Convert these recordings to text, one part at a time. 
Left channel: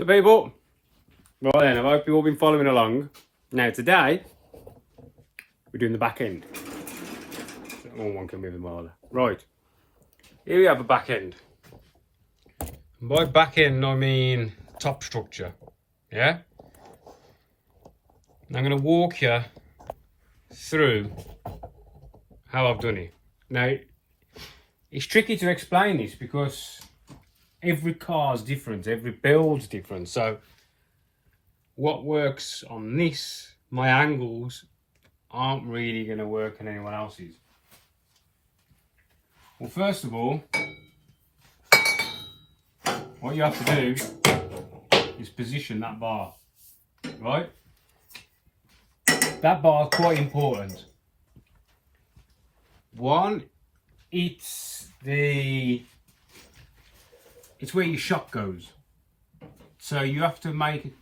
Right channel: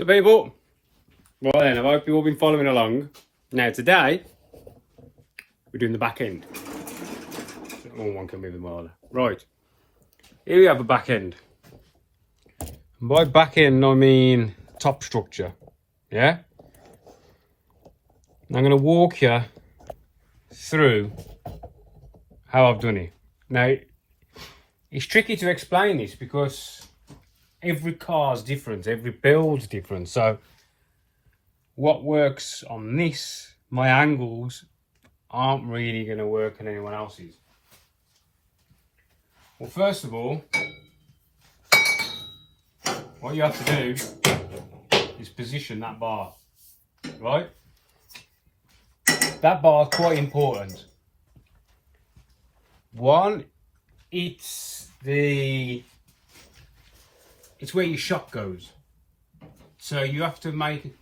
So people, right then, I hope you've all been following along. Now today, we're doing the back end. Oh, one can move the miler. Right, here we have the back end. And by back end, I mean top structure, yeah? And I'm going to walk you through how I've done it. Now, it's tricky to explain this because every car's different, every build's different. So what works on this, my angles aren't really going to work on anyone else's. Well, first of all, what you have to do is position that bar, right? That bar is quite important. One, it's where your shock goes. So you have to make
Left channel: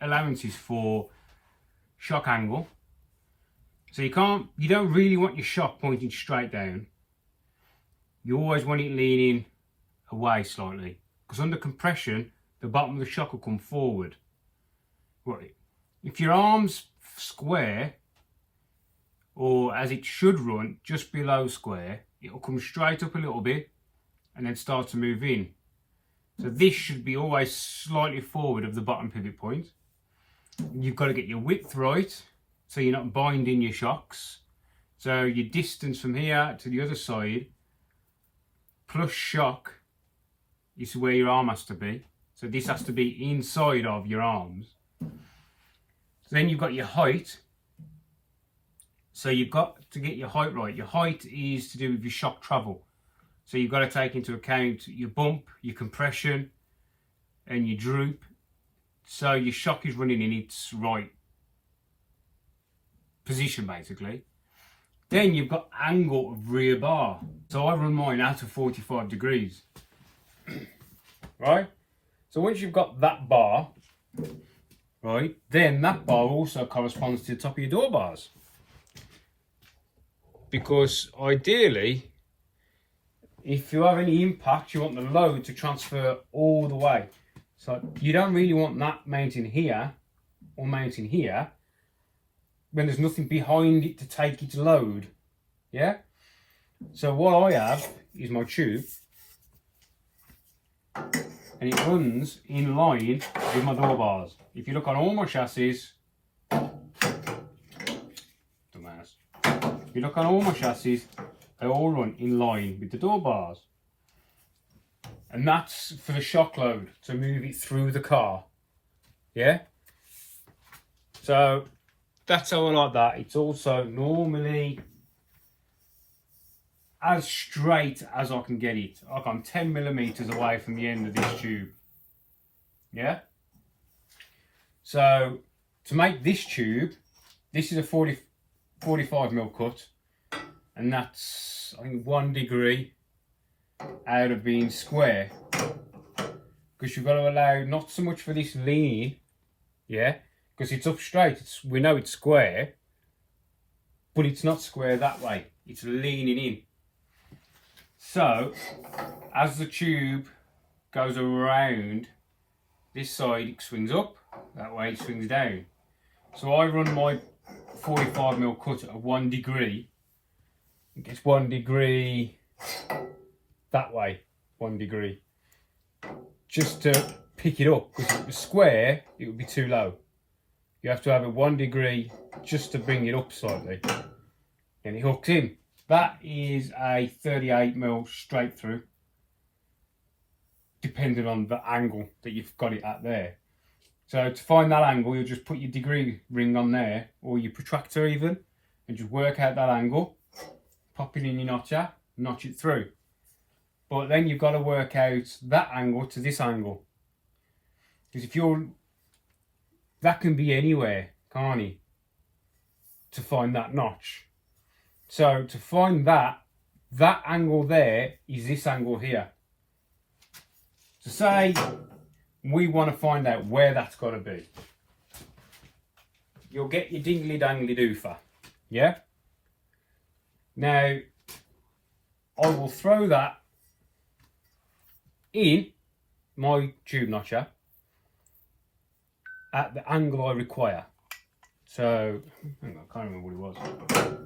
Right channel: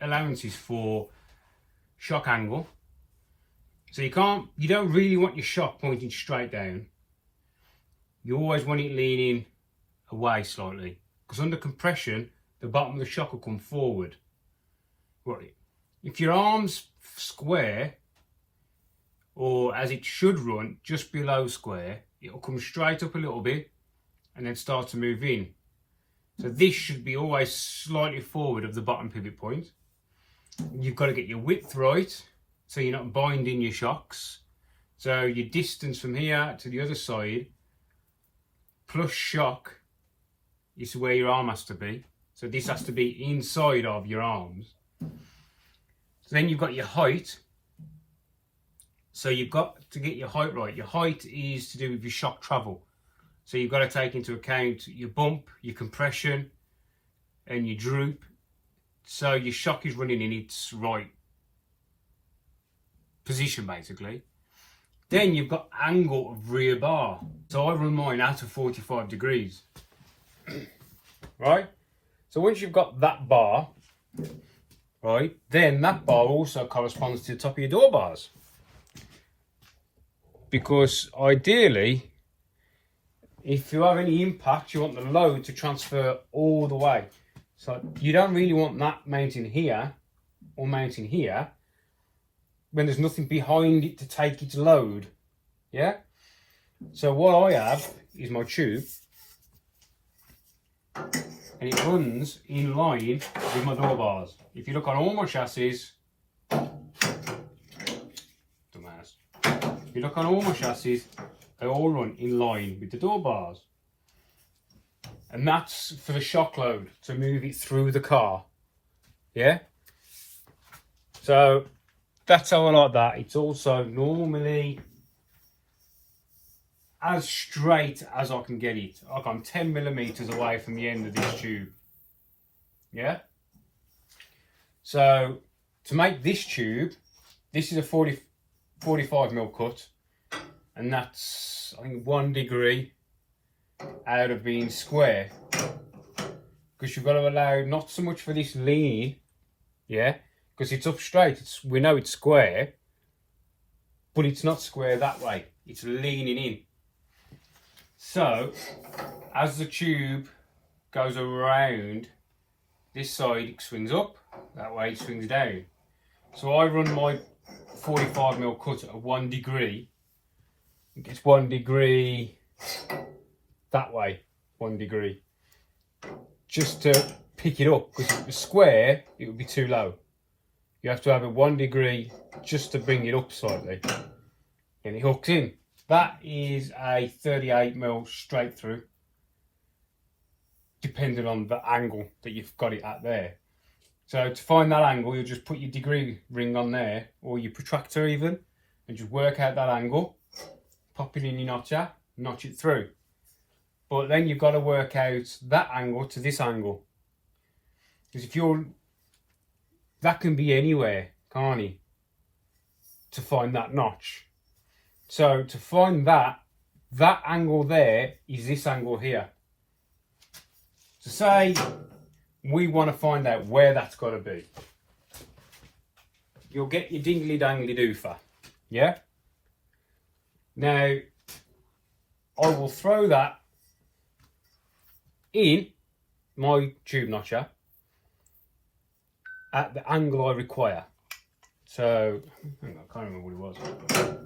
allowances for shock angle. So you don't really want your shock pointing straight down. You always want it leaning away slightly, because under compression, the bottom of the shock will come forward. Right. If your arm's square, or as it should run, just below square, it'll come straight up a little bit and then start to move in. So this should be always slightly forward of the bottom pivot point. You've got to get your width right, so you're not binding your shocks. So your distance from here to the other side, plus shock, is where your arm has to be. So this has to be inside of your arms. So then you've got your height. So you've got to get your height right. Your height is to do with your shock travel. So you've got to take into account your bump, your compression, and your droop. So your shock is running in its right position, basically. Then you've got angle of rear bar. So I run mine out of 45 degrees. Right? So once you've got that bar, right, then that bar also corresponds to the top of your door bars. Because ideally, if you have any impact, you want the load to transfer all the way. So you don't really want that mounting here or mounting here when there's nothing behind it to take its load. Yeah? So what I have is my tube, and it runs in line with my door bars. If you look on all my chassis, dumbass. If you look on all my chassis, they all run in line with the door bars. And that's for the shock load, to move it through the car. Yeah? So that's how I like that. It's also normally as straight as I can get it. Like I'm 10 millimeters away from the end of this tube. Yeah? So to make this tube, this is a 45mm cut, and that's, I think, 1 degree out of being square, because you've got to allow not so much for this lean, yeah, because it's up straight. We know it's square, but it's not square that way. It's leaning in. So as the tube goes around this side, it swings up, that way it swings down. So I run my 45mm cut at 1 degree. It gets 1 degree that way, 1 degree, just to pick it up, because if it was square it would be too low. You have to have it 1 degree just to bring it up slightly, and it hooks in. That is a 38mm straight through, depending on the angle that you've got it at there. So to find that angle, you'll just put your degree ring on there, or your protractor even, and just work out that angle, pop it in your notcher, notch it through. But then you've got to work out that angle to this angle, because that can be anywhere, can't it, to find that notch. So to find that angle there is this angle here. So say we want to find out where that's got to be. You'll get your dingly dangly doofer, yeah? Now, I will throw that in my tube notcher, at the angle I require. So, hang on, I can't remember what it was.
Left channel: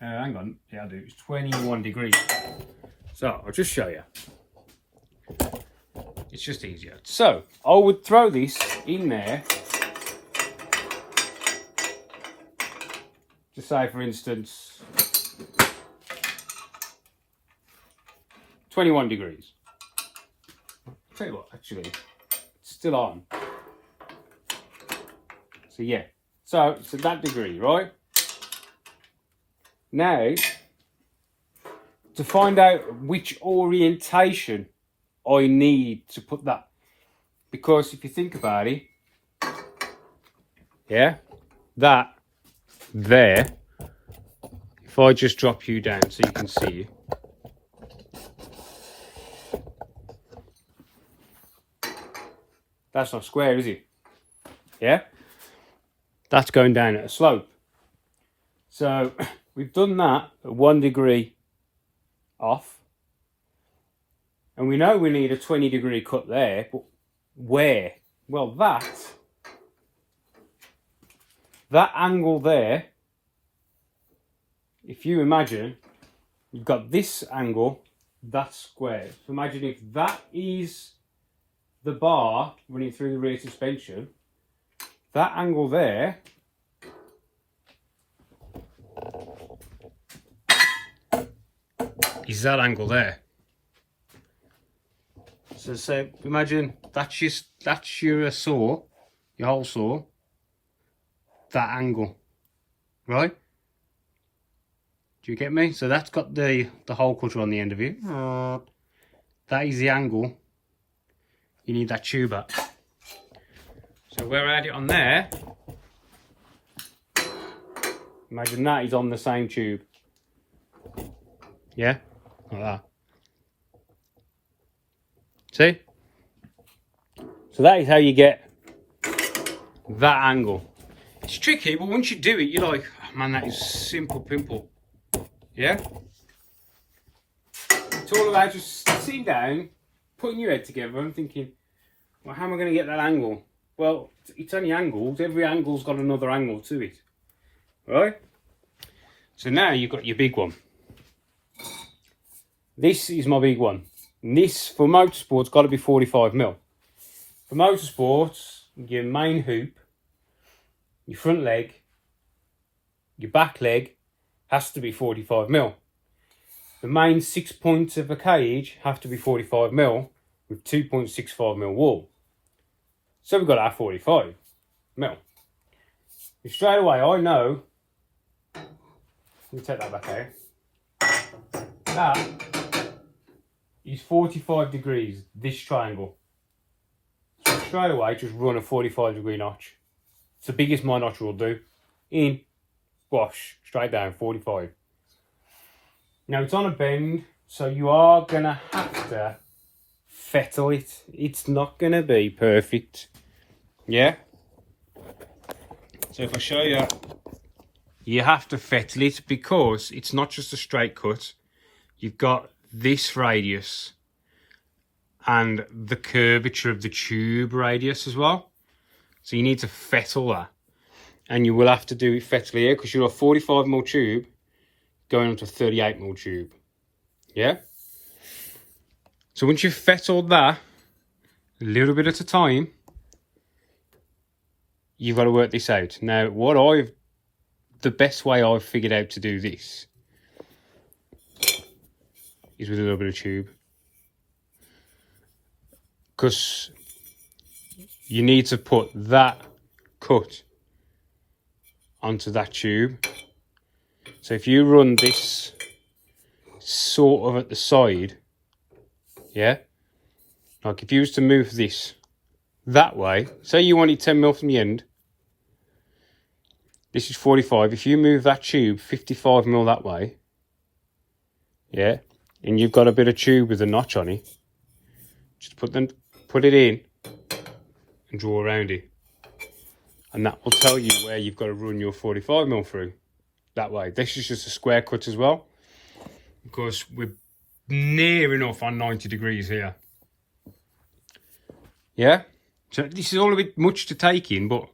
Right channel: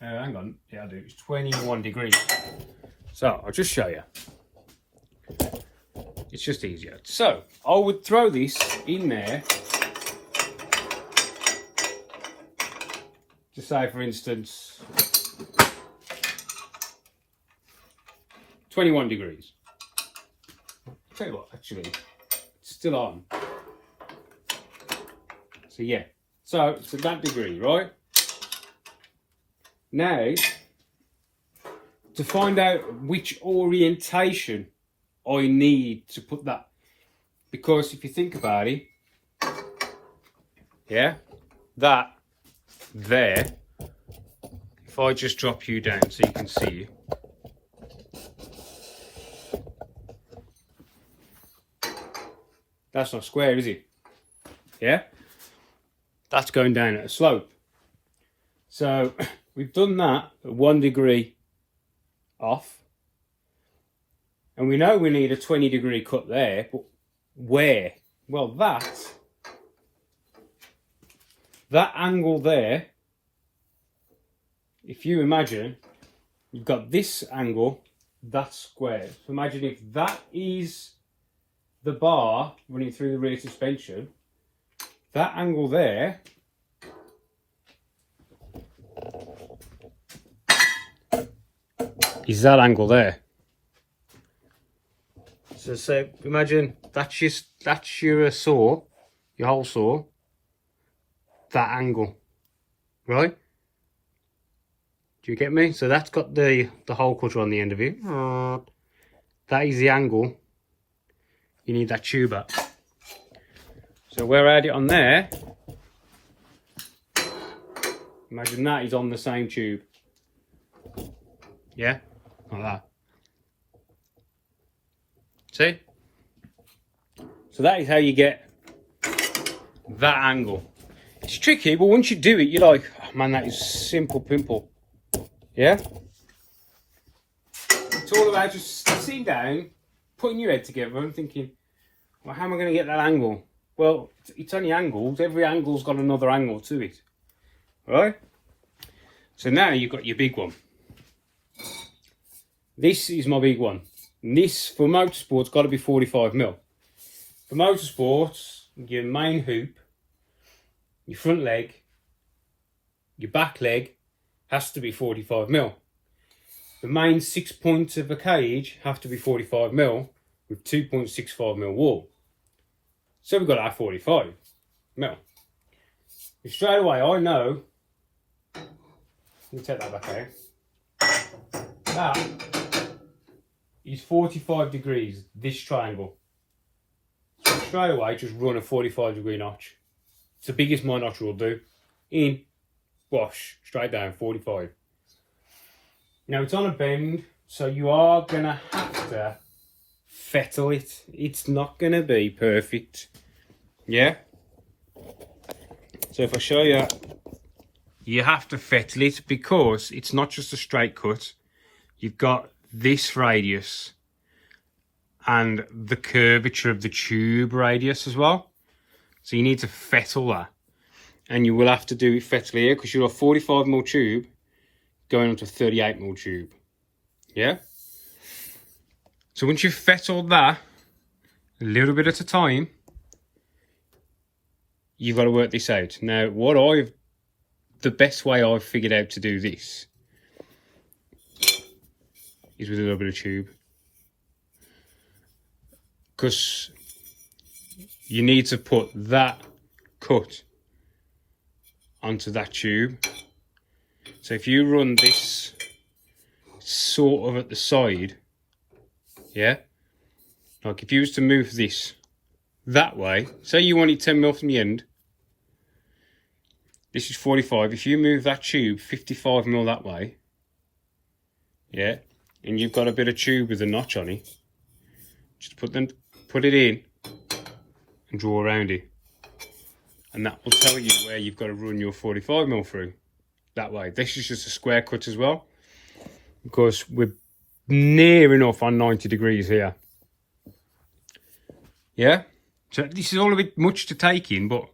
Hang on, yeah I do, it's 21 degrees. So, I'll just show you. It's just easier. So, I would throw this in there. To say, for instance, 21 degrees. I'll tell you what, actually, it's still on. So yeah, so it's at that degree, right? Now, to find out which orientation I need to put that, because if you think about it, yeah, that there, if I just drop you down so you can see, that's not square, is it? Yeah, that's going down at a slope. So we've done that at 1 degree off, and we know we need a 20 degree cut there, but where? Well, that angle there, if you imagine, you've got this angle, that's square. So imagine if that is the bar running through the rear suspension, that angle there is that angle there. So imagine that's your saw, your hole saw, that angle, right? Do you get me? So that's got the hole cutter on the end of it. That is the angle you need that tube at. So where I had it on there, imagine that is on the same tube. Yeah, like that. See? So that is how you get that angle. It's tricky, but once you do it, you're like, oh, man, that is simple pimple. Yeah? It's all about just sitting down, putting your head together and thinking, well, how am I going to get that angle? Well, it's only angles. Every angle's got another angle to it. Right? So now you've got your big one. This is my big one. And this, for motorsport's got to be 45mm. For motorsports, your main hoop, your front leg, your back leg has to be 45mm. The main 6 points of the cage have to be 45mm with 2.65mm wall. So we've got our 45mm. And straight away I know, let me take that back out, that is 45 degrees, this triangle. So straight away just run a 45 degree notch. It's the biggest my notch will do. In, wash, straight down, 45. Now it's on a bend, so you are going to have to fettle it. It's not going to be perfect. Yeah? So if I show you, you have to fettle it because it's not just a straight cut. You've got this radius and the curvature of the tube radius as well. So you need to fettle that. And you will have to do it fettle here because you're a 45mm tube going onto a 38mm tube. Yeah? So once you've fettled that, a little bit at a time, you've got to work this out. Now, the best way I've figured out to do this is with a little bit of tube. Because you need to put that cut onto that tube. So if you run this sort of at the side, yeah, like if you was to move this that way, say you want it 10mm from the end, this is 45, if you move that tube 55mm that way, yeah, and you've got a bit of tube with a notch on it, just put it in and draw around it, and that will tell you where you've got to run your 45mm through. That way. This is just a square cut as well, because we're near enough on 90 degrees here. Yeah? So this is all a bit much to take in, but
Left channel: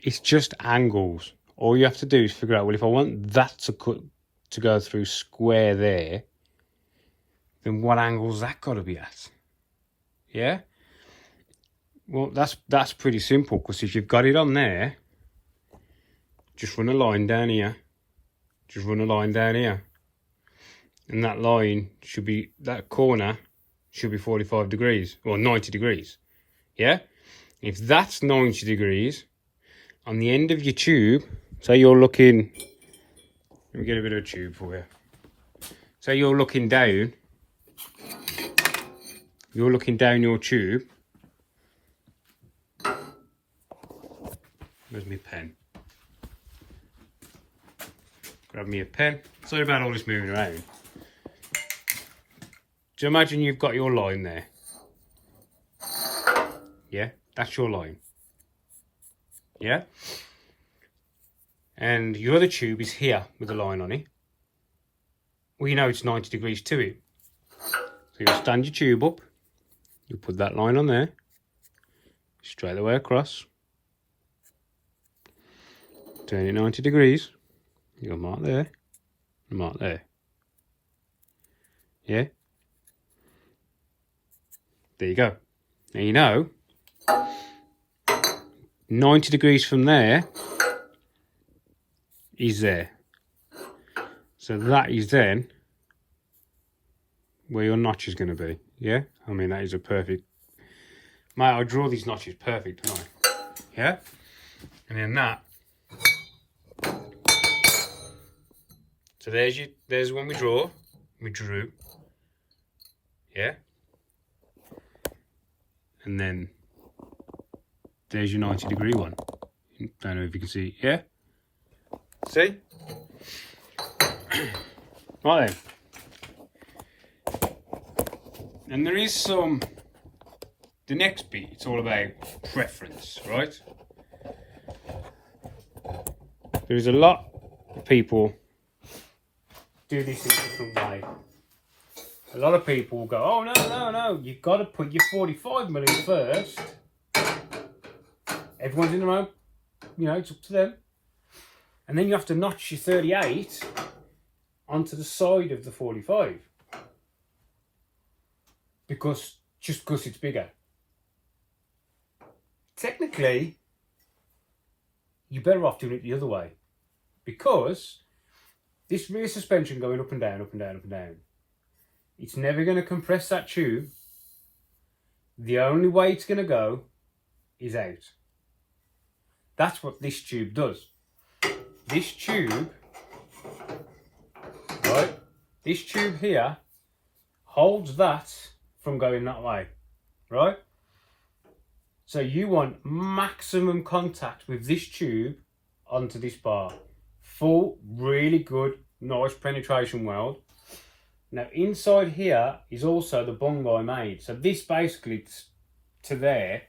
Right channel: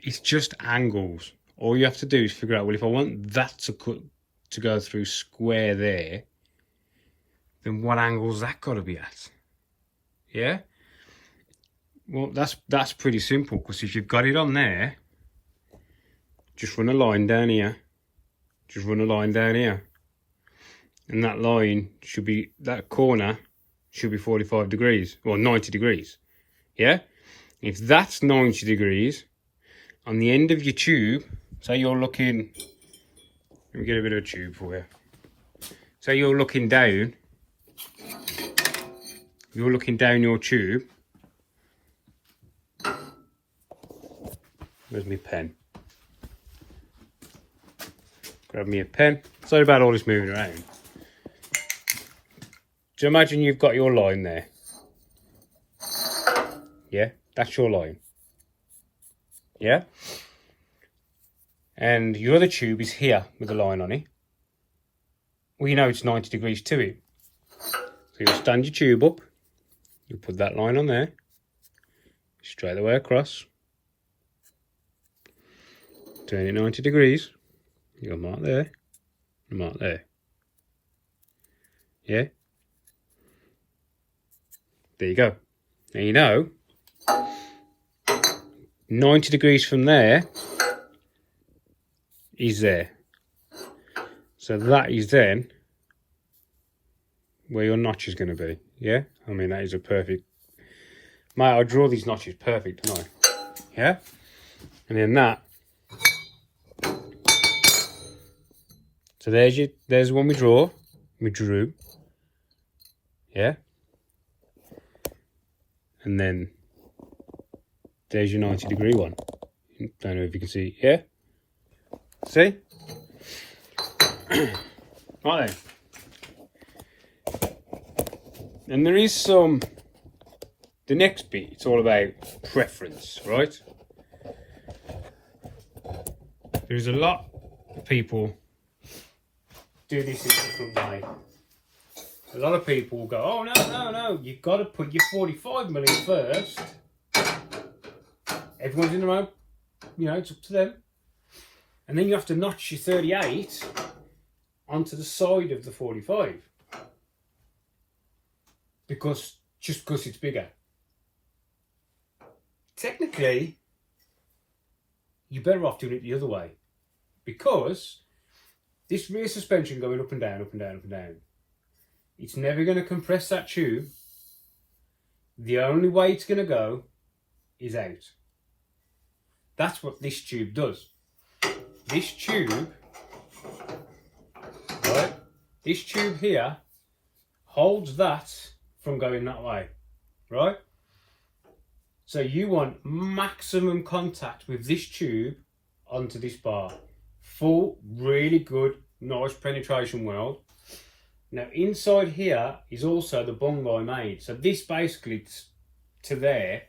it's just angles. All you have to do is figure out, well, if I want that to go through square there, then what angle's that got to be at? Yeah? Well, that's pretty simple, because if you've got it on there, just run a line down here. Just run a line down here. And that line should be, that corner should be 45 degrees, or 90 degrees. Yeah? If that's 90 degrees, on the end of your tube, say you're looking, let me get a bit of a tube for you. Say you're looking down your tube. Where's my pen? Grab me a pen. Sorry about all this moving around. So imagine you've got your line there. Yeah, that's your line. Yeah? And your other tube is here with a line on it. Well, you know it's 90 degrees to it. So you'll stand your tube up. You put that line on there. Straight away across. Turn it 90 degrees. You'll mark there. Mark there. Yeah? There you go. Now you know 90 degrees from there is there. So that is then where your notch is going to be. Yeah? I mean, that is a perfect... Mate, I draw these notches perfect, don't I? Yeah? And then that... So there's the one we drew. Yeah? And then there's your 90 degree one. Don't know if you can see. Yeah? See? Right then. And there is some, the next bit, it's all about preference, right? There's a lot of people do this in a different way. A lot of people will go, oh no, you've got to put your 45mm first. Everyone's in their own, you know, it's up to them. And then you have to notch your 38 onto the side of the 45. Just because it's bigger. Technically, you're better off doing it the other way. Because this rear suspension going up and down, up and down, up and down, it's never going to compress that tube. The only way it's going to go is out. That's what this tube does. This tube, right, this tube here holds that from going that way, right? So you want maximum contact with this tube onto this bar. Full, really good, nice penetration weld. Now inside here is also the bung I made. So this basically to there,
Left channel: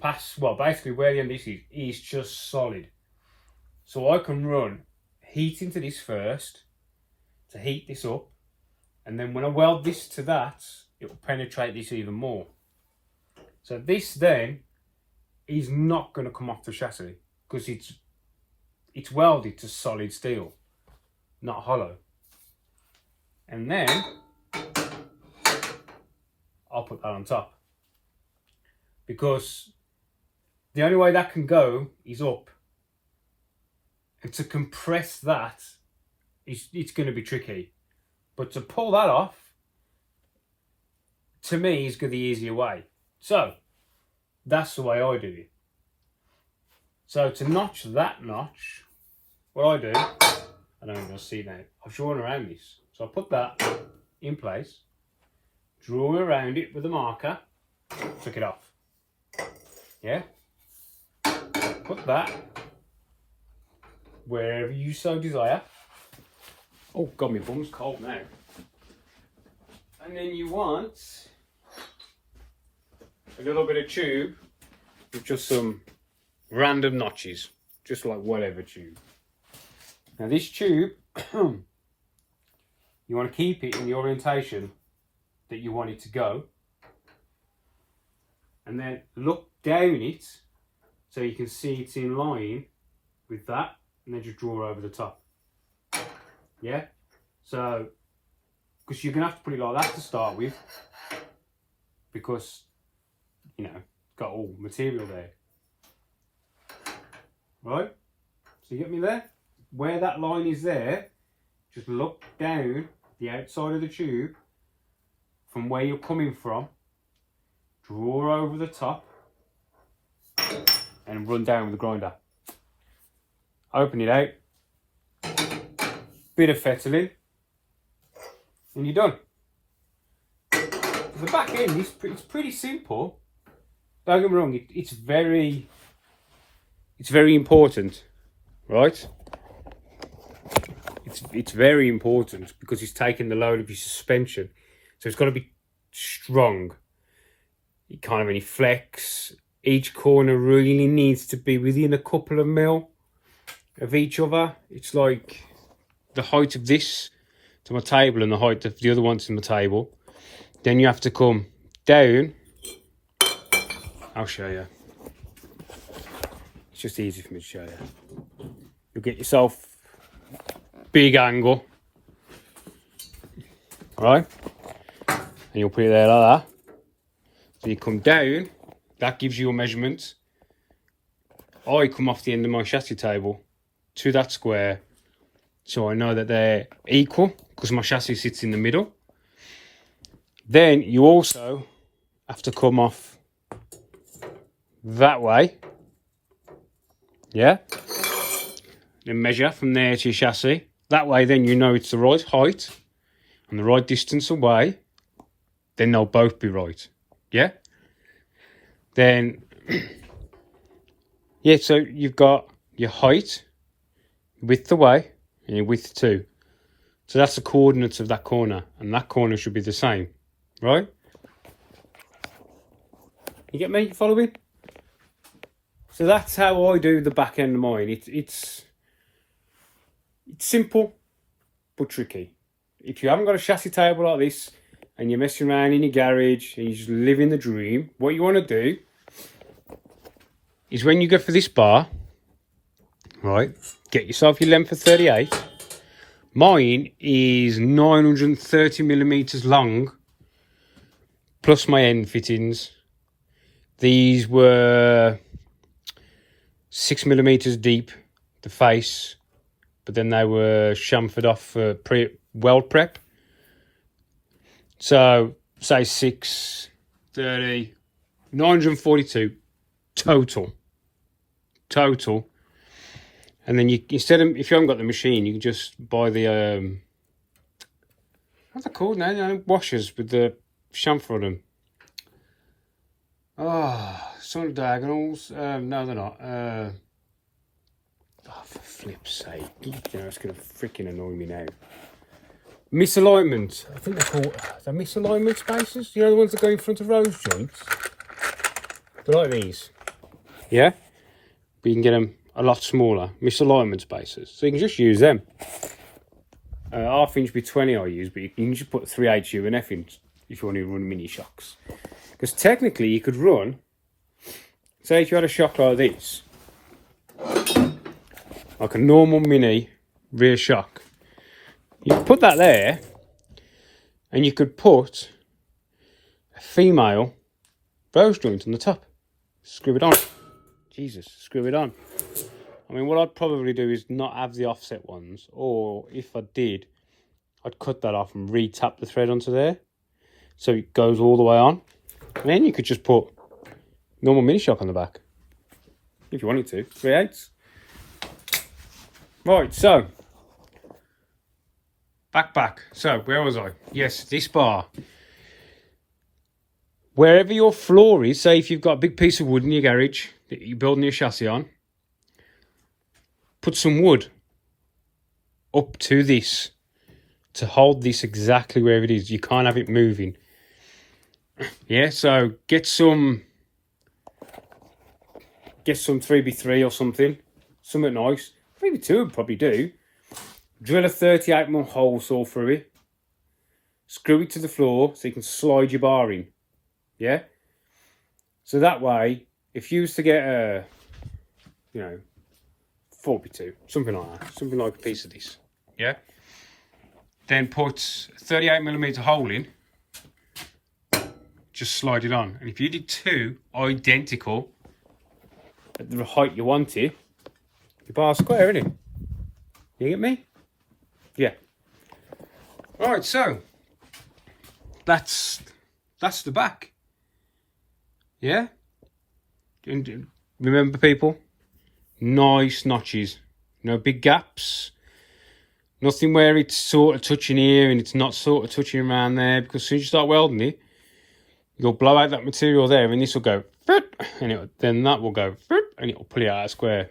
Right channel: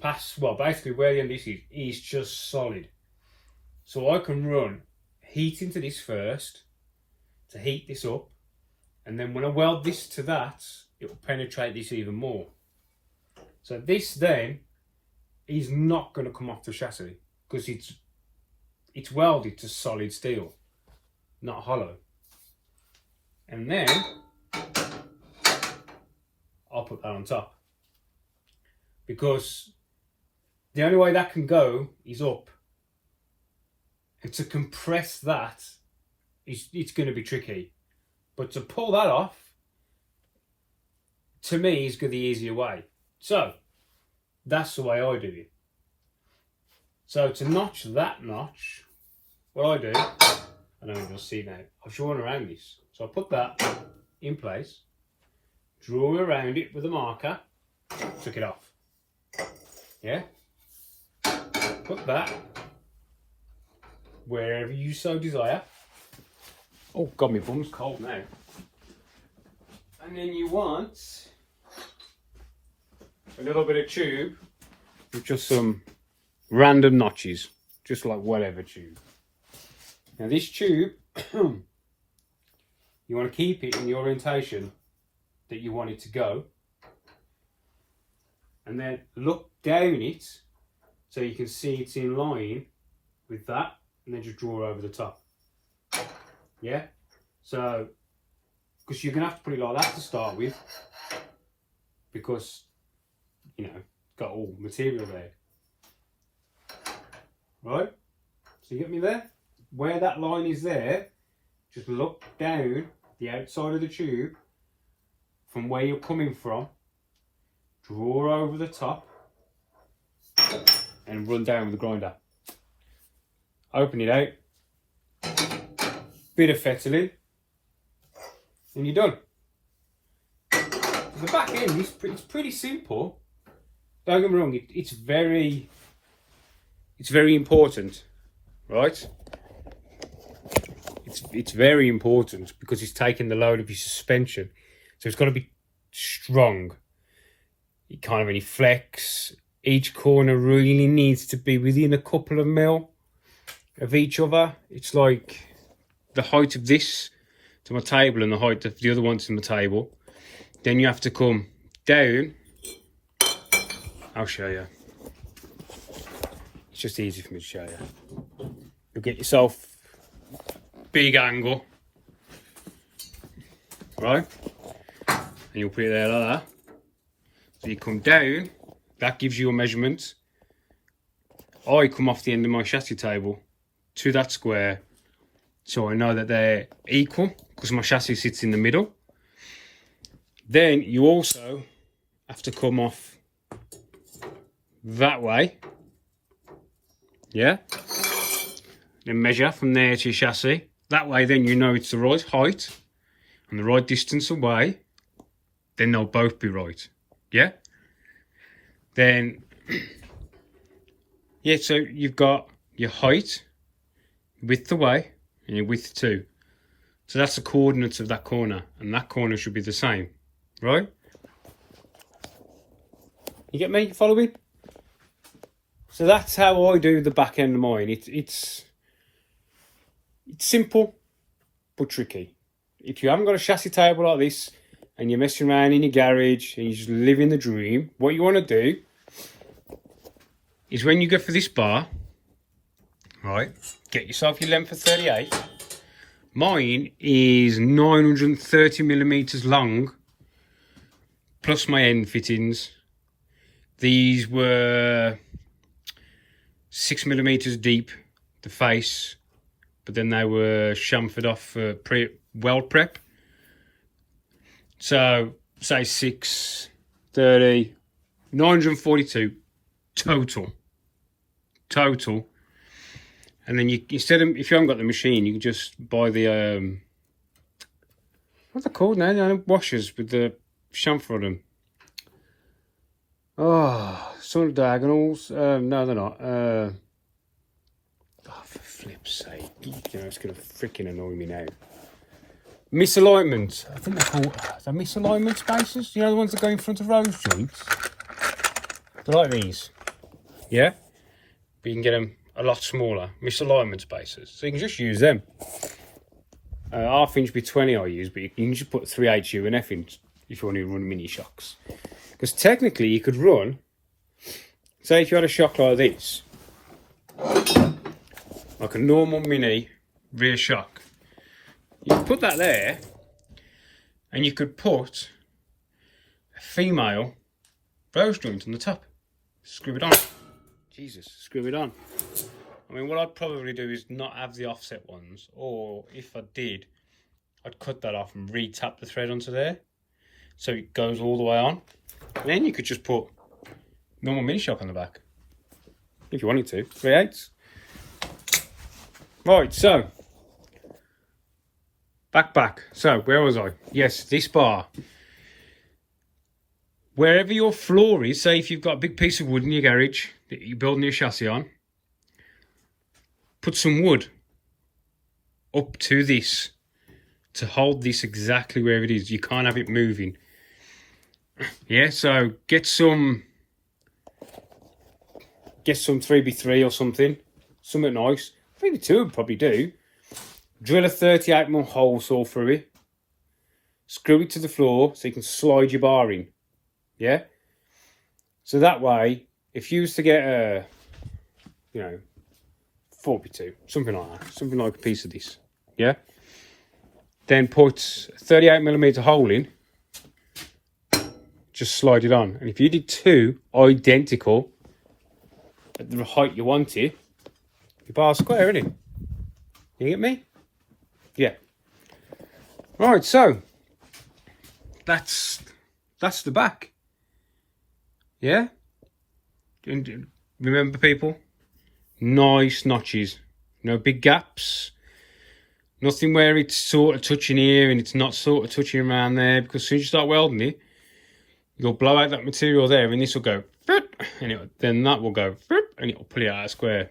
basically where the end of this is just solid. So I can run heat into this first to heat this up. And then when I weld this to that, it will penetrate this even more. So this then is not going to come off the chassis because it's welded to solid steel, not hollow. And then I'll put that on top because the only way that can go is up. And to compress that, it's going to be tricky. But to pull that off, to me, is the easier way. So, that's the way I do it. So, to notch that notch, what I do, I don't know if you'll see now, I've drawn around this. So, I put that in place, draw around it with a marker, took it off. Yeah? Put that wherever you so desire. Oh God, my bum's cold now. And then you want a little bit of tube with just some random notches, just like whatever tube. Now this tube, you want to keep it in the orientation that you want it to go. and then look down it so you can see it's in line with that, and then just draw over the top. Yeah, so because you're gonna have to put it like that to start with, because you know it's got all material there, right? So you get me there? Where that line is there, just look down the outside of the tube from where you're coming from, draw over the top, and run down with the grinder. Open it out, bit of fettling, and you're done. The back end is it's pretty simple. Don't get me wrong, it's very important, right? It's very important because it's taking the load of your suspension, so it's got to be strong. You can't have any flex. Each corner really needs to be within a couple of mil of each other. It's like the height of this to my table and the height of the other ones in the table. Then you have to come down. I'll show you. It's just easy for me to show you. You'll get yourself big angle, right? And you'll put it there like that. So you come down, that gives you a measurement. I come off the end of my chassis table to that square, so I know that they're equal because my chassis sits in the middle. Then you also have to come off that way, yeah? Then measure from there to your chassis. That way then you know it's the right height and the right distance away. Then they'll both be right, yeah? Then, yeah, so you've got your height, width away, and your width too. So that's the coordinates of that corner, and that corner should be the same, right? You get me? You follow me? So that's how I do the back end of mine. It's simple, but tricky. If you haven't got a chassis table like this, and you're messing around in your garage, and you're just living the dream, what you want to do is when you go for this bar, right, get yourself your length of 38. Mine is 930 millimeters long, plus my end fittings. These were 6 millimeters deep, the face, but then they were chamfered off for weld prep. So, say 6, 30, 942 total. And then you, instead of, if you haven't got the machine, you can just buy the, what's it called now? The washers with the chamfer on them. Oh, some of the diagonals. No, they're not. Oh, for flip's sake. You know, it's going to freaking annoy me now. Misalignment. I think they're called the misalignment spaces. You know, the ones that go in front of rose joints. They're like these. Yeah? But you can get them a lot smaller. Misalignment spaces. So you can just use them. Half inch B20 I use, but you can just put 3/8 U and F in if you want to run mini shocks. Because technically you could run, say if you had a shock like this, like a normal mini rear shock, you could put that there, and you could put a female rose joint on the top. Screw it on. Jesus, screw it on. I mean, what I'd probably do is not have the offset ones, or if I did, I'd cut that off and re-tap the thread onto there, so it goes all the way on. And then you could just put normal mini shock on the back, if you wanted to, 3/8. Right, so back. So where was I? Yes, this bar. Wherever your floor is, say if you've got a big piece of wood in your garage that you're building your chassis on, put some wood up to this to hold this exactly where it is. You can't have it moving. Yeah, so get some 3x3 or something nice. 3x2 would probably do. Drill a 38mm hole saw through it. Screw it to the floor so you can slide your bar in. Yeah? So So that way, if you used to get a, 42, something like that, something like a piece of this, yeah? Then put a 38mm hole in, just slide it on. And if you did 2 identical at the height you wanted, your bar's square, isn't it? You get me? Yeah. Right, so that's the back. Yeah? And remember, people, nice notches, no big gaps, nothing where it's sort of touching here and it's not sort of touching around there, because as soon as you start welding it, you'll blow out that material there and this will go, and then that will go, and it will pull it out of square.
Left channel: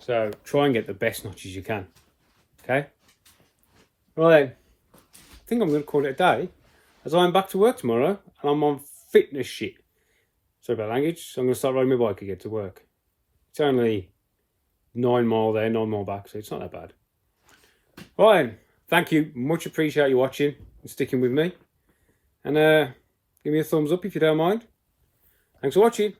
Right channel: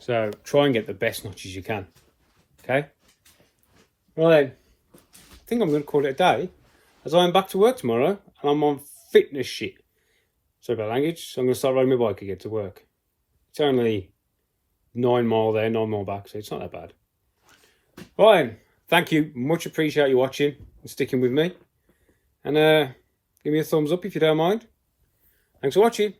So try and get the best notches you can, okay? Well then, I think I'm going to call it a day, as I'm back to work tomorrow and I'm on fitness shit. Sorry about language, so I'm going to start riding my bike again to work. It's only 9 mile there, 9 mile back, so it's not that bad. Right then, thank you, much appreciate you watching and sticking with me. And give me a thumbs up if you don't mind. Thanks for watching.